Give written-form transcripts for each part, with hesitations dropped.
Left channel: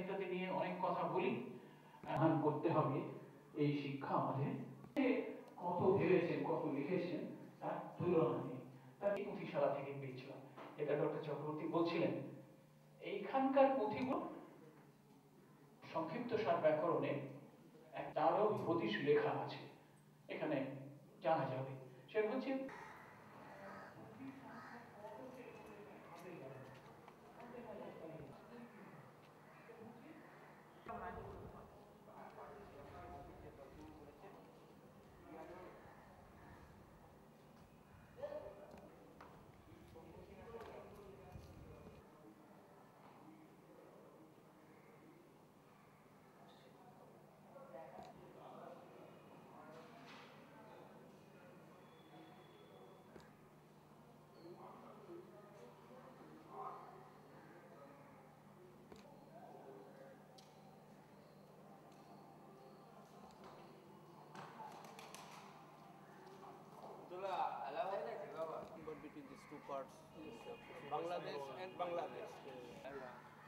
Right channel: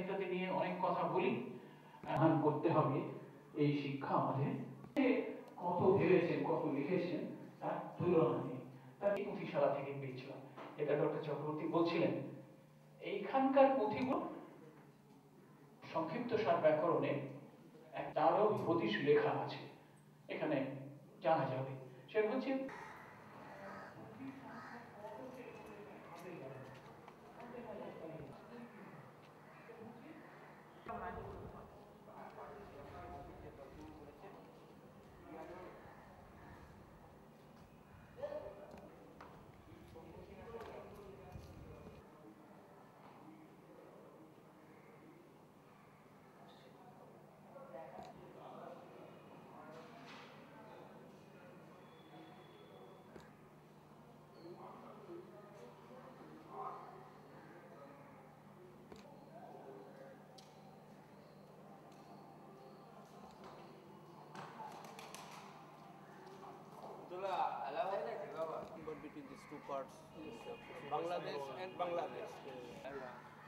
ইত্যাদি নিয়ে অনেক কথা বলি, করতে হবে এই শিক্ষা আমাদের। কত ভেবেছেন, কত লিখেছেন, তার তুলনা নেই। তার এই পুঁথিশালা থেকে পেয়েছিলাম, এটা ডক্টর চক্রবর্তী বলছিলেন। এইখানকার পুঁথিগুলো সংক্ষিপ্ত সার ব্যাকরণে তারও হদিশ লেখা আছে, এখানে জানা যাবে। সেটা হচ্ছে between these two parts, Bangladesh and Bangladesh.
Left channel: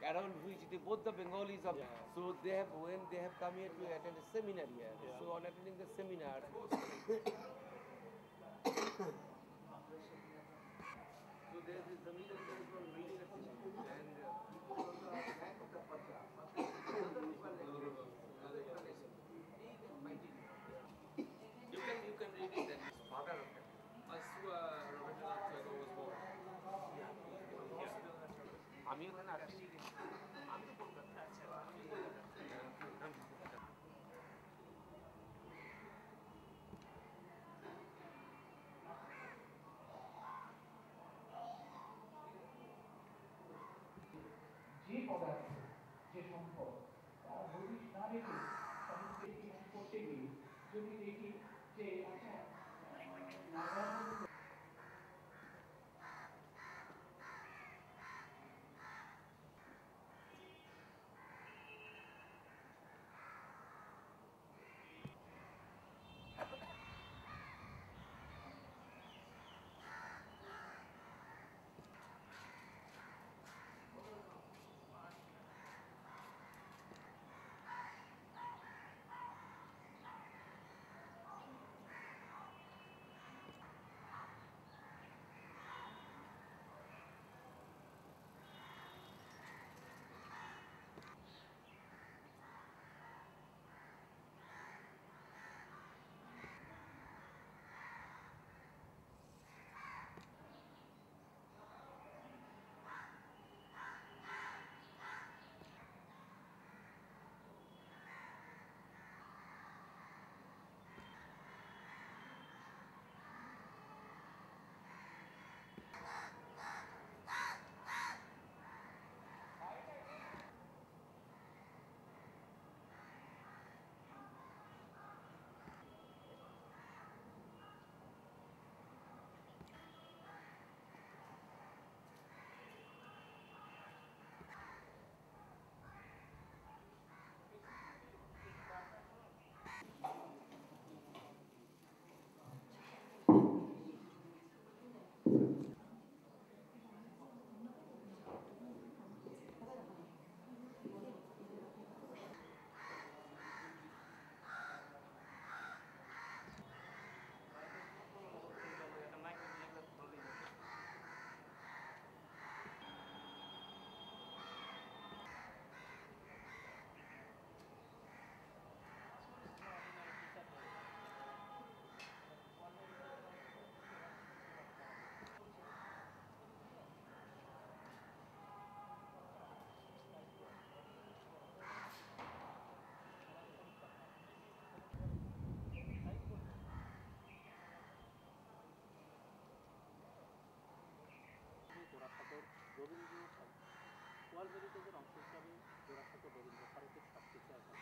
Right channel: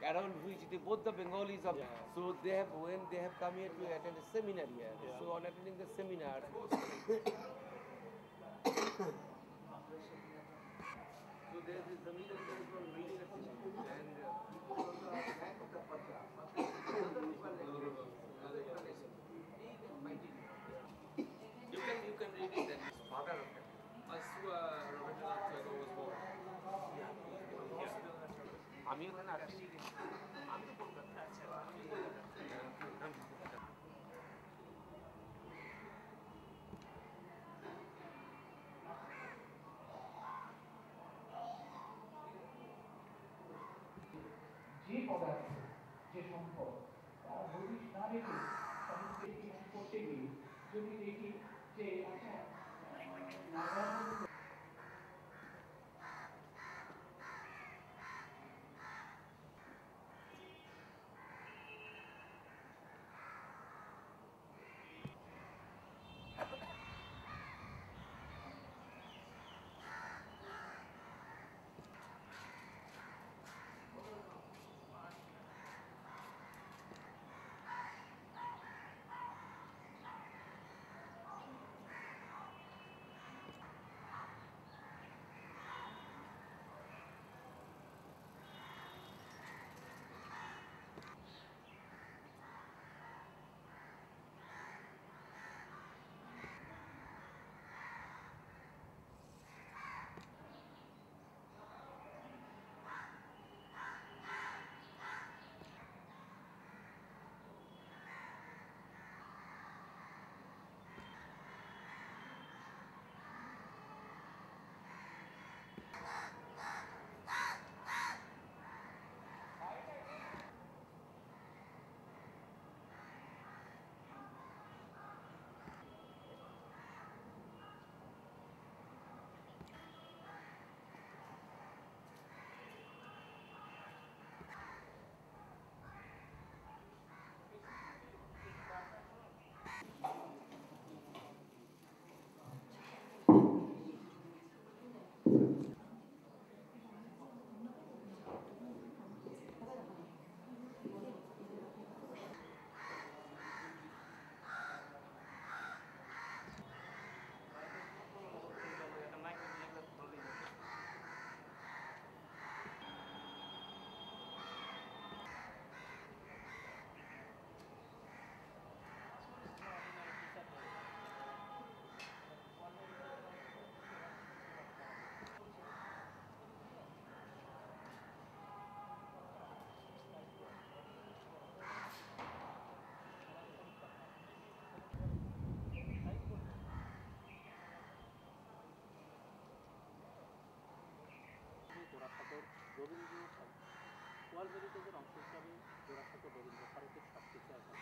Around which both the Bengalis of, so they have, when they have come here to attend a seminar here, so on attending the seminar, so there is the middle one reading a and you can read it. That is father of it. Rabindranath Tagore was born. আমি ওখানে আসছি, আমি তো কলকাতা আছি, যে পদার্থ, যে সম্পদ, তার হদিশ না রেখে সাহিত্যের কিছু করতে গিয়ে যদি দেখি যে আচ্ছা ওয়ার্ল্ড হেরিটেজের অংশ হিসাবে জোড়াসাঁকো রবীন্দ্র ভারতের সবকিছু এখন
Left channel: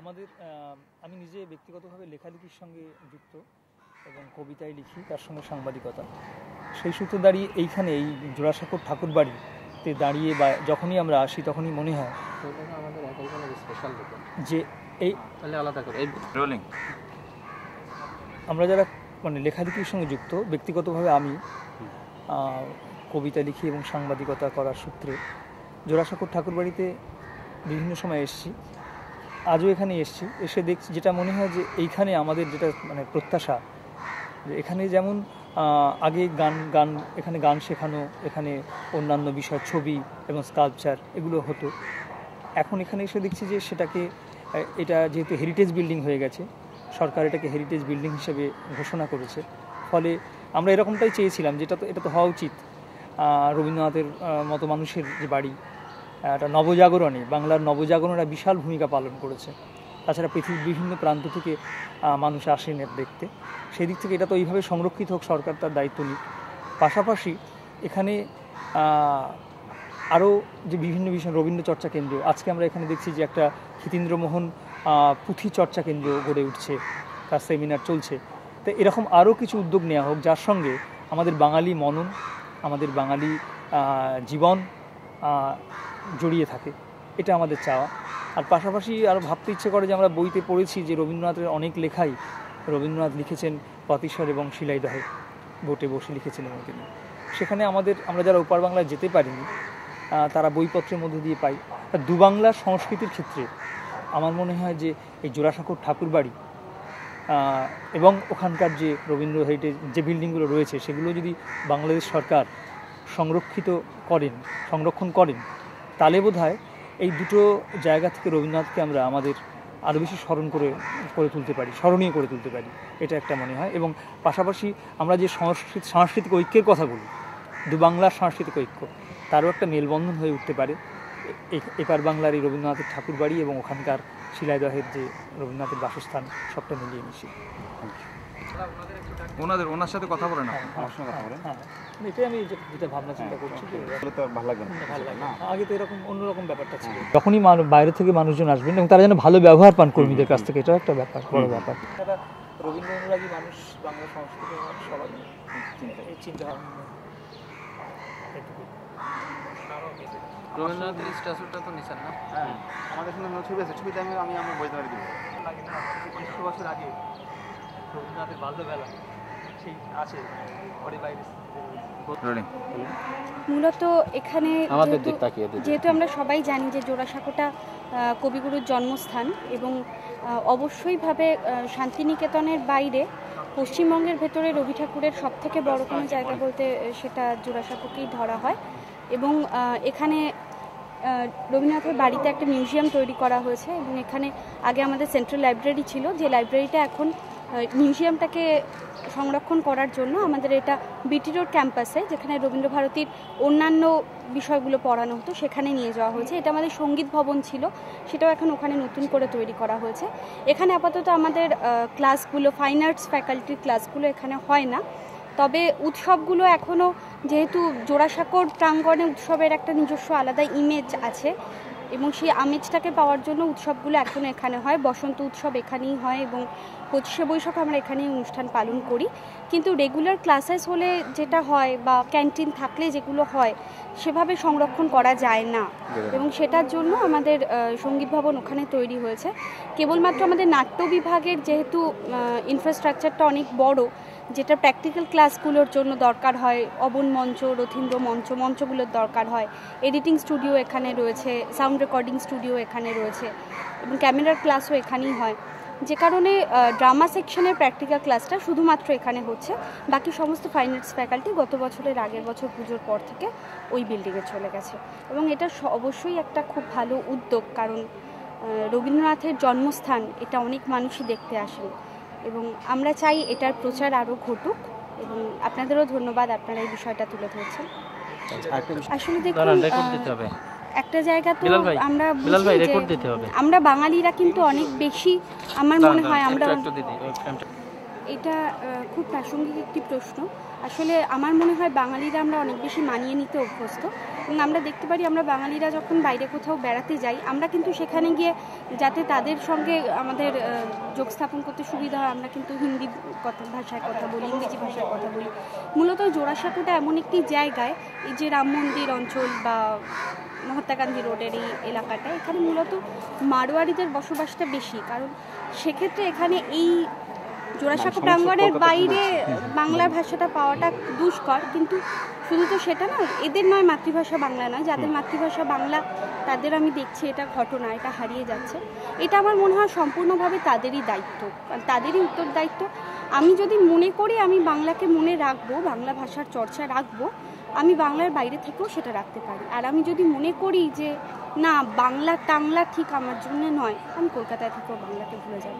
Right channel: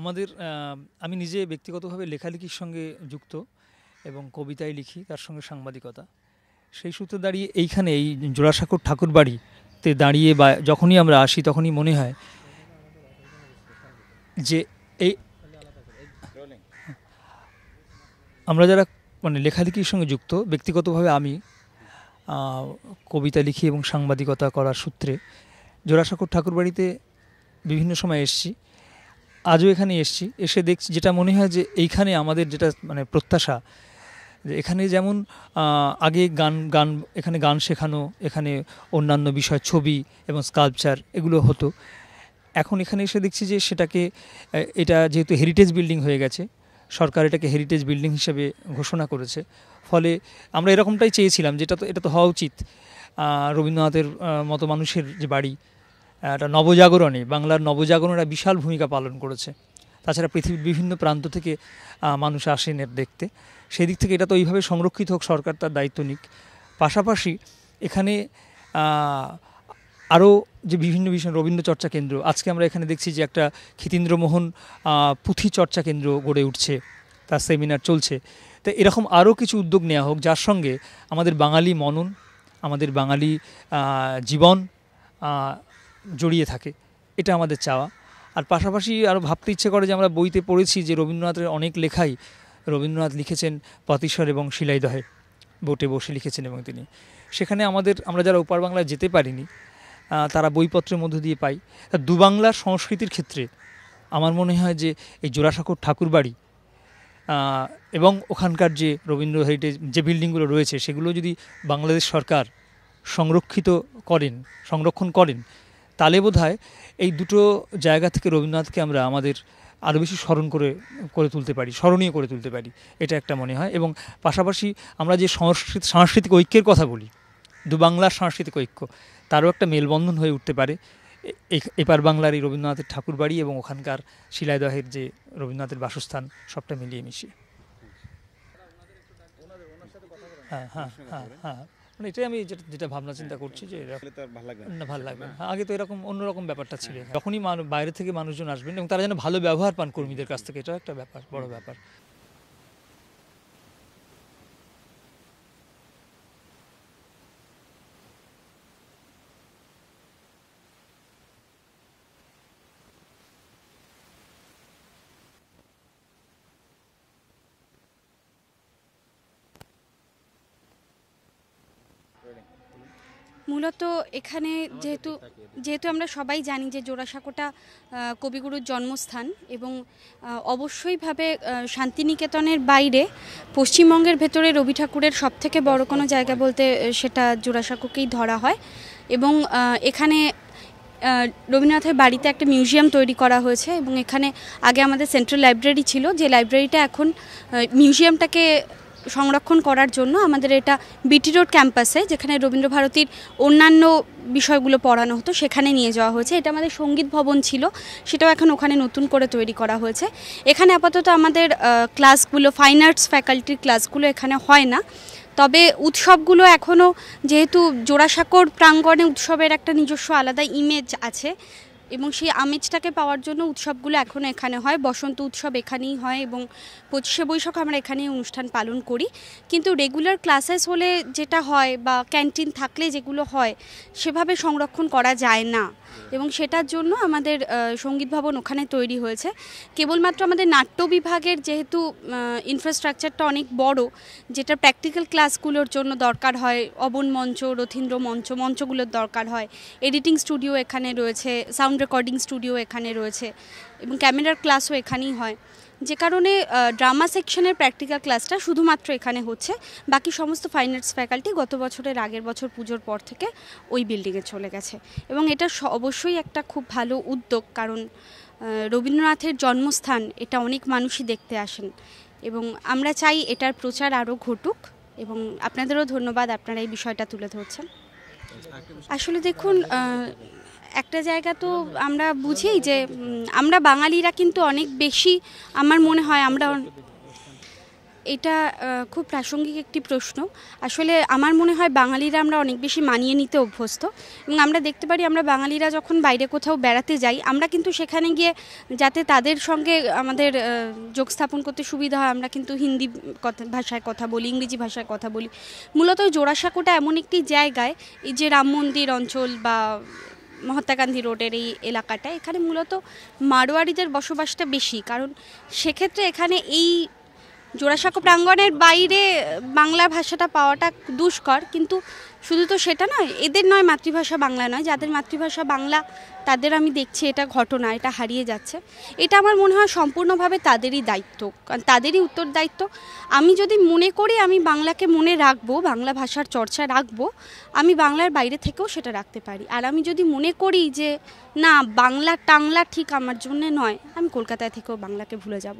আমাদের আমি নিজে ব্যক্তিগতভাবে লেখালেখির সঙ্গে যুক্ত এবং কবিতায় লিখি, তার সঙ্গে সাংবাদিকতা। সেই সূত্রে দাঁড়িয়ে এইখানে এই জোড়াসাঁকোর ঠাকুরবাড়িতে দাঁড়িয়ে বা যখনই আমরা আসি তখনই মনে হয় যে এই আলাদা করে আমরা যারা মানে লেখালেখির সঙ্গে যুক্ত, ব্যক্তিগতভাবে আমি কবিতা লিখি এবং সাংবাদিকতা করার সূত্রে জোড়াসাঁকোর ঠাকুরবাড়িতে বিভিন্ন সময় এসেছি, আজও এখানে এসেছি। এসে দেখছি, যেটা মনে হয় যে এইখানে আমাদের যেটা মানে প্রত্যাশা, যে এখানে যেমন আগে গান এখানে গান শেখানো, এখানে অন্যান্য বিষয় ছবি এবং স্কাল্পচার এগুলো হতো। এখন এখানে এসে দেখছি যে সেটাকে, এটা যেহেতু হেরিটেজ বিল্ডিং হয়ে গেছে, সরকার এটাকে হেরিটেজ বিল্ডিং হিসেবে ঘোষণা করেছে। ফলে আমরা এরকমটাই চেয়েছিলাম, এটা তো হওয়া উচিত। রবীন্দ্রনাথের মতো মানুষের যে বাড়ি, একটা নবজাগরণে, বাংলার নবজাগরণের বিশাল ভূমিকা পালন করেছে। তাছাড়া পৃথিবীর বিভিন্ন প্রান্ত থেকে মানুষ আসেন এর দেখতে। সেই দিক থেকে এটা তো এইভাবে সংরক্ষিত হোক, সরকার তার দায়িত্ব নিক। পাশাপাশি এখানে আরও যে বিভিন্ন বিষয়, রবীন্দ্র চর্চা কেন্দ্র, আজকে আমরা এখানে দেখছি যে একটা ক্ষিতীন্দ্রমোহন পুঁথি চর্চা কেন্দ্র গড়ে উঠছে, তার সেমিনার চলছে। তো এরকম আরও কিছু উদ্যোগ নেওয়া হোক, যার সঙ্গে আমাদের বাঙালি মনন, আমাদের বাঙালি জীবন জড়িয়ে থাকে, এটা আমাদের চাওয়া। আর পাশাপাশি আরও ভাবতে ইচ্ছে করে যে আমরা বইতে পড়েছি যে রবীন্দ্রনাথের অনেক লেখাই রবীন্দ্রনাথ লিখেছেন পাতিস্বর এবং শিলাইদহে বোটে বসে লিখেছেন, এবং তিনি সেখানে আমরা যারা ওপার বাংলায় যেতে পারিনি তারা বইপত্রের মধ্যে দিয়ে পাই। দুবাংলার সংস্কৃতির ক্ষেত্রে আমার মনে হয় যে এই জোড়াসাঁকোর ঠাকুরবাড়ি এবং ওখানকার যে রবীন্দ্র হেরিটেজ যে বিল্ডিংগুলো রয়েছে, সেগুলো যদি বাংলাদেশ সরকার সংরক্ষণ করেন, তাহলে বোধহয় এই দুটো জায়গা থেকে রবীন্দ্রনাথকে আমরা আমাদের আরও বেশি স্মরণীয় করে তুলতে পারি, এটা একটা মনে হয়। এবং পাশাপাশি আমরা যে সাংস্কৃতিক ঐক্যের কথা বলি, দুবাংলার সাংস্কৃতিক ঐক্য, তারও একটা মেলবন্ধন হয়ে উঠতে পারে এপার বাংলার এই রবীন্দ্রনাথের ঠাকুরবাড়ি এবং ওখানকার শিলাইদহের যে রবীন্দ্রনাথের বাসস্থান, সবটা মিলিয়ে মিশিয়ে। ওনার সাথে কথা বলেন, এটাই আমি যেটা ভাবনা চিন্তা করছি, ভালো লাগবে না। আগে তো এরকম অন্যরকম ব্যাপারটা ছিল, যখনই বাইরে থেকে মানুষজন আসবেন এবং তারা যেন ভালো ব্যবহার পান কর্মীদের কাছ থেকে, এটাও একটা ব্যাপার, বড় ব্যাপার। রবীন্দ্র অনুরাগী মানুষ, বাংলা সংস্কৃতির মানুষ, সবাই চিন্তা রবীন্দ্রনাথের স্ট্যাচুটা তো নিছেন না? হ্যাঁ, আমাদের এখানে ছবি আছে, ছবিতে আমি বইতে পারি। 100 বছর আগে রবীন্দ্রনাথের বাল্যবেলা সেই আছে ঘরে বাইরে। মূলত এখানে যেহেতু আমরা সবাই জানি যে জোড়াসাঁকোটা কবিগুরুর জন্মস্থান, এবং অবশ্যইভাবে শান্তিনিকেতনের বাইরে পশ্চিমবঙ্গের ভেতরে রবি ঠাকুরের সবথেকে বড় কোনো জায়গা বলতে সেটা জোড়াসাঁকোকেই ধরা হয়। এবং এখানে রবীন্দ্রনাথের বাড়িতে একটা মিউজিয়াম তৈরি করা হয়েছে, এবং এখানে আগে আমাদের সেন্ট্রাল লাইব্রেরি ছিল, যে লাইব্রেরিটা এখন মিউজিয়ামটাকে সংরক্ষণ করার জন্য আমাদের এটা বিটি রোড ক্যাম্পাসে, যেখানে রবীন্দ্রভারতীর অন্যান্য বিষয়গুলো পড়ানো হতো, সেখানে নিয়ে যাওয়া হয়েছে। এটা আমাদের সঙ্গীত ভবন ছিল, সেটাও এখন ওখানে নতুন করে তৈরি করা হয়েছে। এখানে আপাতত আমাদের ক্লাসগুলো, ফাইন আর্টস ফ্যাকাল্টির ক্লাসগুলো এখানে হয় না, তবে উৎসবগুলো এখনও, যেহেতু জোড়াসাঁকোর প্রাঙ্গণে উৎসবের একটা নিজস্ব আলাদা ইমেজ আছে, এবং সেই আমেজটাকে পাওয়ার জন্য উৎসবগুলো এখনও এখানে হয়। বসন্ত উৎসব এখানেই হয়, এবং 25শে বৈশাখ আমরা এখানেই অনুষ্ঠান পালন করি। কিন্তু রেগুলার ক্লাসেস হলে যেটা হয়, বা ক্যান্টিন থাকলে যেগুলো হয়, সেভাবে সংরক্ষণ করা যায় না, এবং সেটার জন্য আমাদের সঙ্গীত ভবন ওখানে তৈরি হয়েছে। কেবলমাত্র আমাদের নাট্য বিভাগের যেহেতু ইনফ্রাস্ট্রাকচারটা অনেক বড়, যেটা প্র্যাকটিক্যাল ক্লাসগুলোর জন্য দরকার হয়, অবন মঞ্চ, রথীন্দ্র মঞ্চগুলোর দরকার হয়, এডিটিং স্টুডিও এখানে রয়েছে, সাউন্ড রেকর্ডিং স্টুডিও এখানে রয়েছে, এবং ক্যামেরার ক্লাসও এখানেই হয়, যে কারণে ড্রামা সেকশনের প্র্যাকটিক্যাল ক্লাসটা শুধুমাত্র এখানে হচ্ছে। বাকি সমস্ত ফাইন আর্টস ফ্যাকাল্টি গত বছরের আগের বছর পুজোর পর থেকে ওই বিল্ডিংয়ে চলে গেছে, এবং এটা অবশ্যই একটা খুব ভালো উদ্যোগ, কারণ রবীন্দ্রনাথের জন্মস্থান, এটা অনেক মানুষই দেখতে আসেন, এবং আমরা চাই এটার প্রচার আরও ঘটুক, এবং আপনাদেরও ধন্যবাদ, আপনারা এই বিষয়টা তুলে ধরছেন। আসলে দেখুন, একটা জায়গা তো আমরা বুঝি যে আমরা বাঙালিরা কিন্তু অনেক বেশি, আমার মনে হয় আমরা, এটা খুব প্রাসঙ্গিক একটি প্রশ্ন। আসলে আমার মনে হয় বাঙালিরা আমরা অনেক বেশি মানিয়ে নিতে অভ্যস্ত, এবং আমরা দেখতে পারি আমরা বাঙালিরা যখন বাইরে কোথাও বেড়াতে যাই, আমরা কিন্তু সেখানে গিয়ে যাতে তাদের সঙ্গে আমাদের যোগ স্থাপন করতে সুবিধা হয়, আমরা কিন্তু হিন্দি ভাষায় কথা বলি, ইংরেজি ভাষায় কথা বলি। মূলত জোড়াসাঁকোটা এমন একটি জায়গায়, এই যে রাম মন্দির অঞ্চল বা মহাত্মা গান্ধী রোডের এই এলাকাটা, এখানে মূলত মারোয়ারিদের বসবাসটা বেশি, কারণ সেক্ষেত্রে এখানে এই জোড়াসাঁকো প্রাঙ্গণের বাইরে বাংলা ভাষাটা পাওয়াটা দুষ্কর, কিন্তু শুধু তো সেটা নয়, এদের নয় মাতৃভাষা বাংলা নয়, যাদের মাতৃভাষা বাংলা তাদের আমি দেখছি এটা ঘটনা, এটা হারিয়ে যাচ্ছে। এটা আমার মনে হয় সম্পূর্ণভাবে তাদেরই দায়িত্ব, কারণ তাদেরই উত্তরদায়িত্ব। আমি যদি মনে করি আমি বাংলাকে মনে রাখবো, বাংলা ভাষার চর্চা রাখবো, আমি বাংলার বাইরে থেকেও সেটা রাখতে পারি। আর আমি যদি মনে করি যে না বাংলা টাংলা ঠিক আমার জন্য নয়, আমি কলকাতায় থেকেও বাংলাকে ভুলে যাব।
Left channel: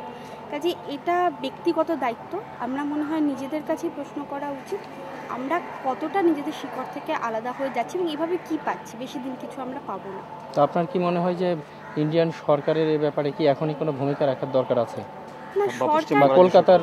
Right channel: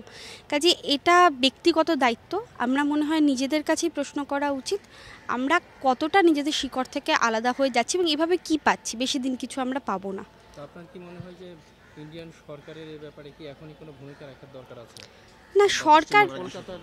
কাজে এটা ব্যক্তিগত দায়িত্ব। আমরা মনে হয় নিজেদের কাছেই প্রশ্ন করা উচিত, আমরা কতটা নিজেদের শিকড় থেকে আলাদা হয়ে যাচ্ছি এবং এভাবে কি পাচ্ছি। বেশি দিন কিছু আমরা পাবো না। তো আপনার কি মনে হয় যে ইন্ডিয়ান সরকারের এই ব্যাপারে কি এখনই কোনো ভূমিকা রাখার দরকার আছে? না সরকার, কলকাতার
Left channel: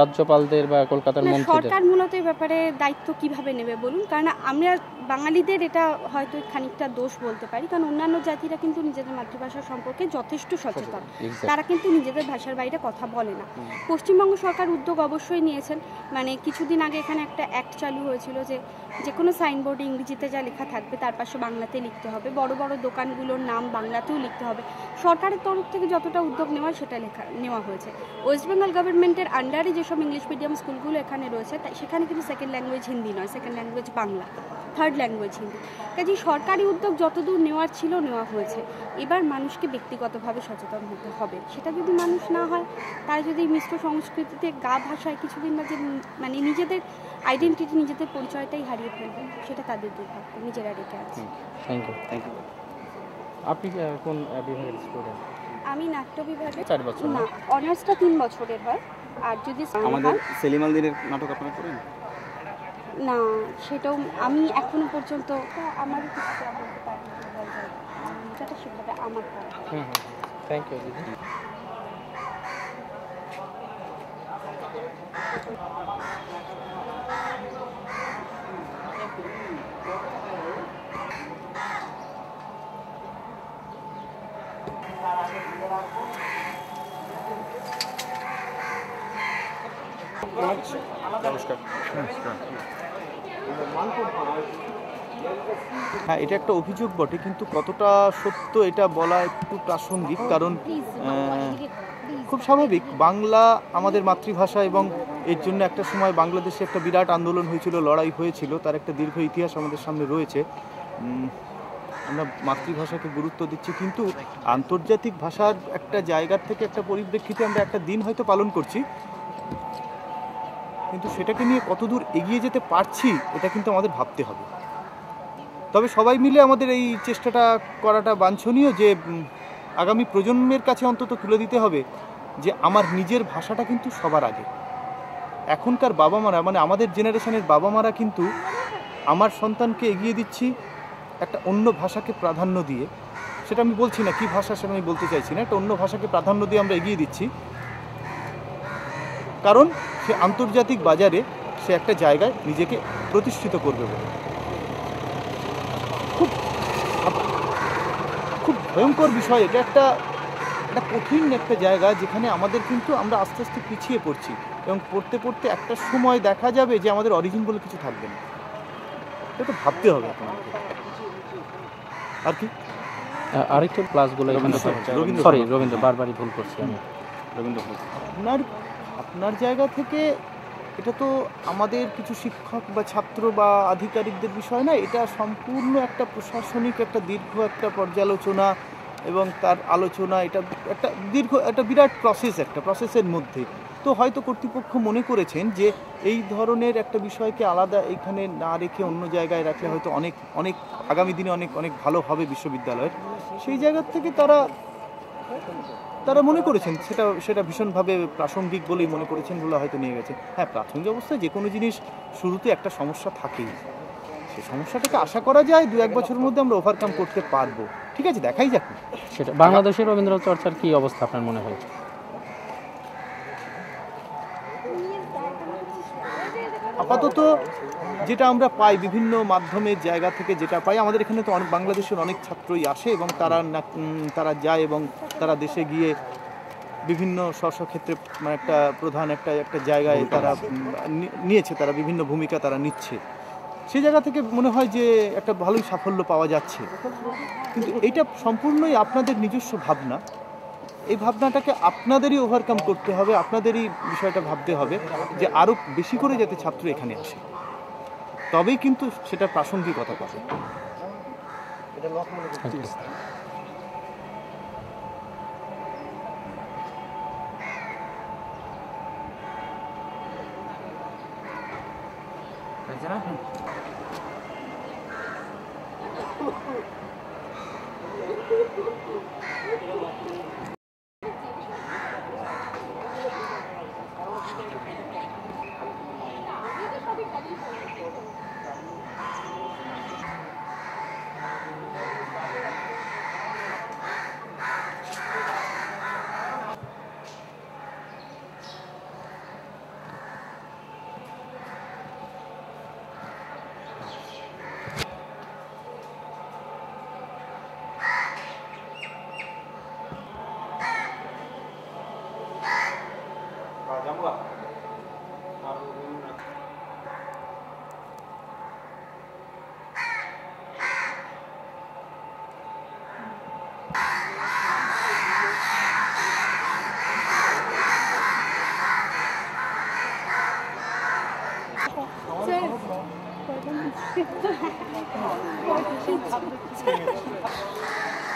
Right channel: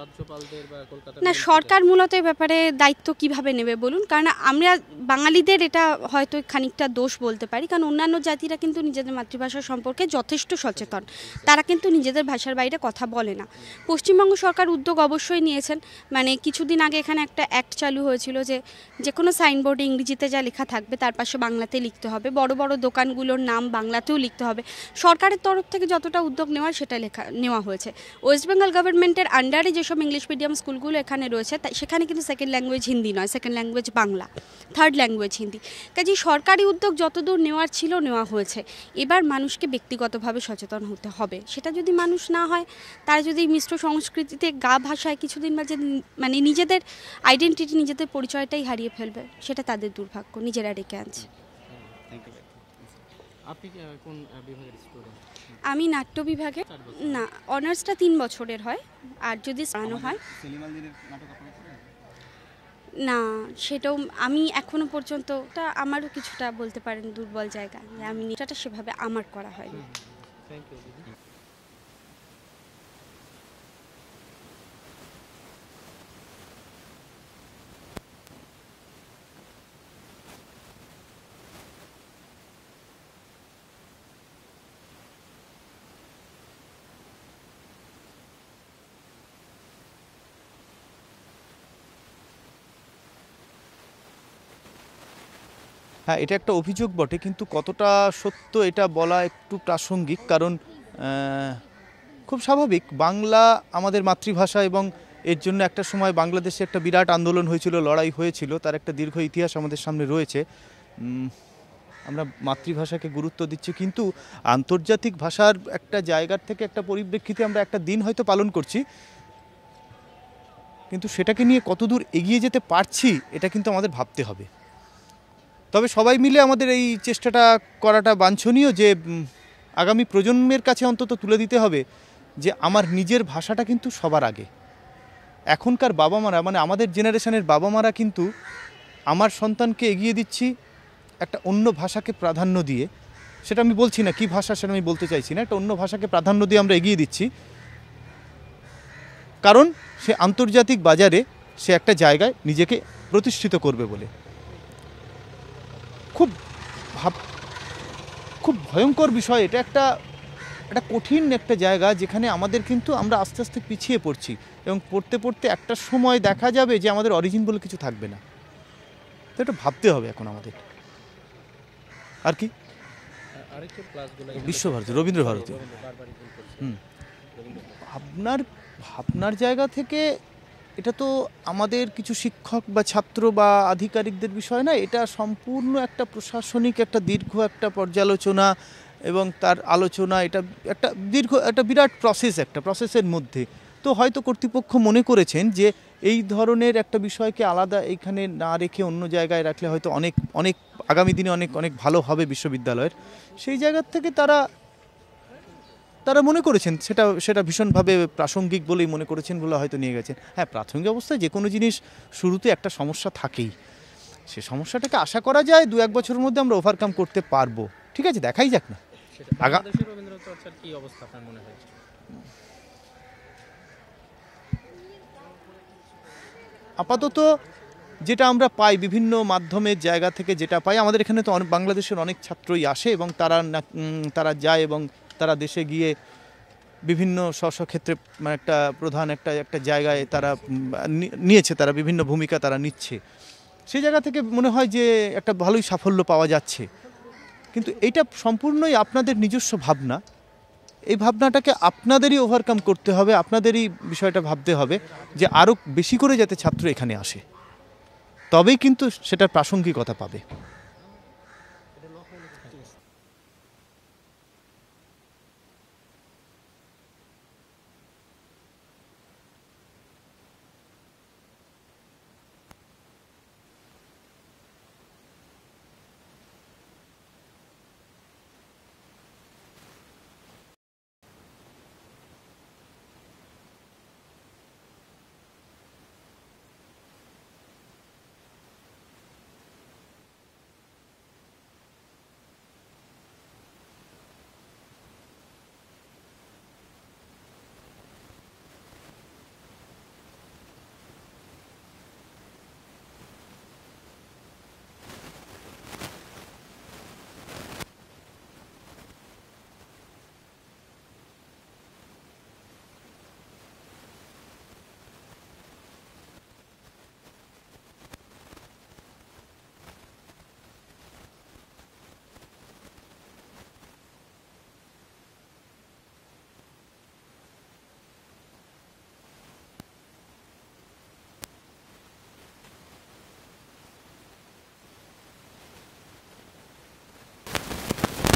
রাজ্যপালদের বা কলকাতার না সরকার মূলত এই ব্যাপারে দায়িত্ব কিভাবে নেবে বলুন, কারণ আমরা বাঙালিদের এটা হয়তো খানিকটা দোষ বলতে পারি, কারণ অন্যান্য জাতিরা কিন্তু নিজেদের মাতৃভাষা সম্পর্কে যথেষ্ট সচেতন, তারা কিন্তু নিজেদের ভাষার বাইরে কথা বলে না। পশ্চিমবঙ্গ সরকার উদ্যোগ অবশ্যই নিয়েছেন, মানে কিছুদিন আগে এখানে একটা অ্যাক্ট চালু হয়েছিল যে কোনো সাইনবোর্ডে ইংরেজিতে যা লেখা থাকবে তার পাশে বাংলাতে লিখতে হবে, বড় বড় দোকানগুলোর নাম বাংলাতেও লিখতে হবে। সরকারের তরফ থেকে যতটা উদ্যোগ নেওয়া সেটা নেওয়া হয়েছে। ওয়েস্ট বেঙ্গল গভর্নমেন্টের আন্ডারে যেসব ইংলিশ মিডিয়াম স্কুলগুলো এখানে রয়েছে সেখানে কিন্তু সেকেন্ড ল্যাঙ্গুয়েজ হিন্দি নয়, second language Bangla, third language Hindi. কাজেই সরকারি উদ্যোগ যতদূর নেওয়ার ছিল নেওয়া হয়েছে। এবার মানুষকে ব্যক্তিগতভাবে সচেতন হতে হবে। সেটা যদি মানুষ না হয়, তারা যদি মিশ্র সংস্কৃতিতে গা ভাষায় কিছুদিন মাঝে মানে নিজেদের আইডেন্টিটি, নিজেদের পরিচয়টাই হারিয়ে ফেলবে, সেটা তাদের দুর্ভাগ্য, নিজেরা ডেকে আনছে। Thank you. আপনি কোন বিভাগের স্টুডেন্ট? আমি নাট্য বিভাগে। 4 বছর? না, অনার্সটা 3 বছরের হয়। আর যদি আমাদের সেলিম আল দ্বীনের নাটক আপনারা করেন? না, সেটাও আমি এখনো পর্যন্ত, আমারও কিছুটা বলতে পারেন দুর্বল জায়গা, আমি এটা সেভাবে আমার করা হয়। থ্যাংক ইউ দিদি। হ্যাঁ, এটা একটা অভিযোগ বটে, কিন্তু কতটা সত্য এটা বলা একটু প্রাসঙ্গিক, কারণ খুব স্বাভাবিক, বাংলা আমাদের মাতৃভাষা এবং এর জন্য একটা সময় বাংলাদেশে একটা বিরাট আন্দোলন হয়েছিল, লড়াই হয়েছিল, তার একটা দীর্ঘ ইতিহাস আমাদের সামনে রয়েছে। আমরা মাতৃভাষাকে গুরুত্ব দিচ্ছি, কিন্তু আন্তর্জাতিক ভাষার একটা জায়গার থেকে একটা পরিপ্রেক্ষিতে আমরা একটা দিন হয়তো পালন করছি, কিন্তু সেটাকে নিয়ে কতদূর এগিয়ে যেতে পারছি এটা কিন্তু আমাদের ভাবতে হবে। তবে সবাই মিলে আমাদের এই চেষ্টাটা করাটা বাঞ্ছনীয়, যে আগামী প্রজন্মের কাছে অন্তত তুলে দিতে হবে যে আমার নিজের ভাষাটা কিন্তু সবার আগে। এখনকার বাবা মারা, মানে আমাদের জেনারেশনের বাবা মারা কিন্তু আমার সন্তানকে এগিয়ে দিচ্ছি একটা অন্য ভাষাকে প্রাধান্য দিয়ে। সেটা আমি বলছি না কী ভাষা, সেটা আমি বলতে চাইছি না, একটা অন্য ভাষাকে প্রাধান্য দিয়ে আমরা এগিয়ে দিচ্ছি, কারণ সে আন্তর্জাতিক বাজারে সে একটা জায়গায় নিজেকে প্রতিষ্ঠিত করবে বলে। খুব ভয়ঙ্কর বিষয় এটা, একটা কঠিন একটা জায়গা যেখানে আমাদের কিন্তু আমরা আস্তে আস্তে পিছিয়ে পড়ছি, এবং পড়তে পড়তে একটা সময় দেখা যাবে যে আমাদের অরিজিন বলে কিছু থাকবে না। এটা ভাবতে হবে এখন আমাদের। আর কি আরেকটু প্লাসগুলো রবীন্দ্র বারবারই ভুল করছি রবীন্দ্র। আপনার জায়গা থেকে এটা তো আমাদের কিছু শিক্ষক বা ছাত্র বা আধিকারিকদের বিষয় না, এটা সম্পূর্ণ একটা প্রশাসনিক একটা দীর্ঘ একটা পর্যালোচনা এবং তার আলোচনা, এটা একটা দীর্ঘ একটা বিরাট প্রসেসের মধ্যে। তো হয়তো কর্তৃপক্ষ মনে করেছেন যে এই ধরনের একটা বিষয়কে আলাদা এইখানে না রেখে অন্য জায়গায় রাখলে হয়তো অনেক আগামী দিনে অনেক ভালো হবে বিশ্ববিদ্যালয়ের। সেই জায়গার থেকে তারা মনে করেছেন সেটা ভীষণভাবে প্রাসঙ্গিক বলেই মনে করেছেন বলে হয়তো নিয়ে গেছেন। হ্যাঁ, প্রাথমিক অবস্থায় যে কোনো জিনিস শুরুতে একটা সমস্যা থাকেই, সে সমস্যাটাকে আশা করা যায় 2-1 বছরের মধ্যে আমরা ওভারকাম করতে পারবো। ঠিক আছে, দেখাই যাক না। সেটা বাংলাদেশের রবীন্দ্র চর্চার কি অবস্থা আপনার মনে হয়? আপাতত যেটা আমরা পাই বিভিন্ন মাধ্যমের জায়গা থেকে যেটা পাই, আমাদের এখানে তো বাংলাদেশের অনেক ছাত্রই আসে এবং তারা যায় এবং তারা দেশে গিয়ে বিভিন্ন স্বক্ষেত্রে একটা প্রধান একটা জায়গায় তারা নিয়েছে, তারা বিভিন্ন ভূমিকা তারা নিচ্ছে। সেই জায়গা থেকে মনে হয় যে একটা ভালোই সাফল্য পাওয়া যাচ্ছে, কিন্তু এটা সম্পূর্ণই আপনাদের নিজস্ব ভাবনা। এই ভাবনাটাকে আপনাদেরই ওভারকাম করতে হবে, আপনাদেরই বিষয়টা ভাবতে হবে যে আরও বেশি করে যাতে ছাত্র এখানে আসে, তবেই কিন্তু সেটার প্রাসঙ্গিকতা পাবে। Sir.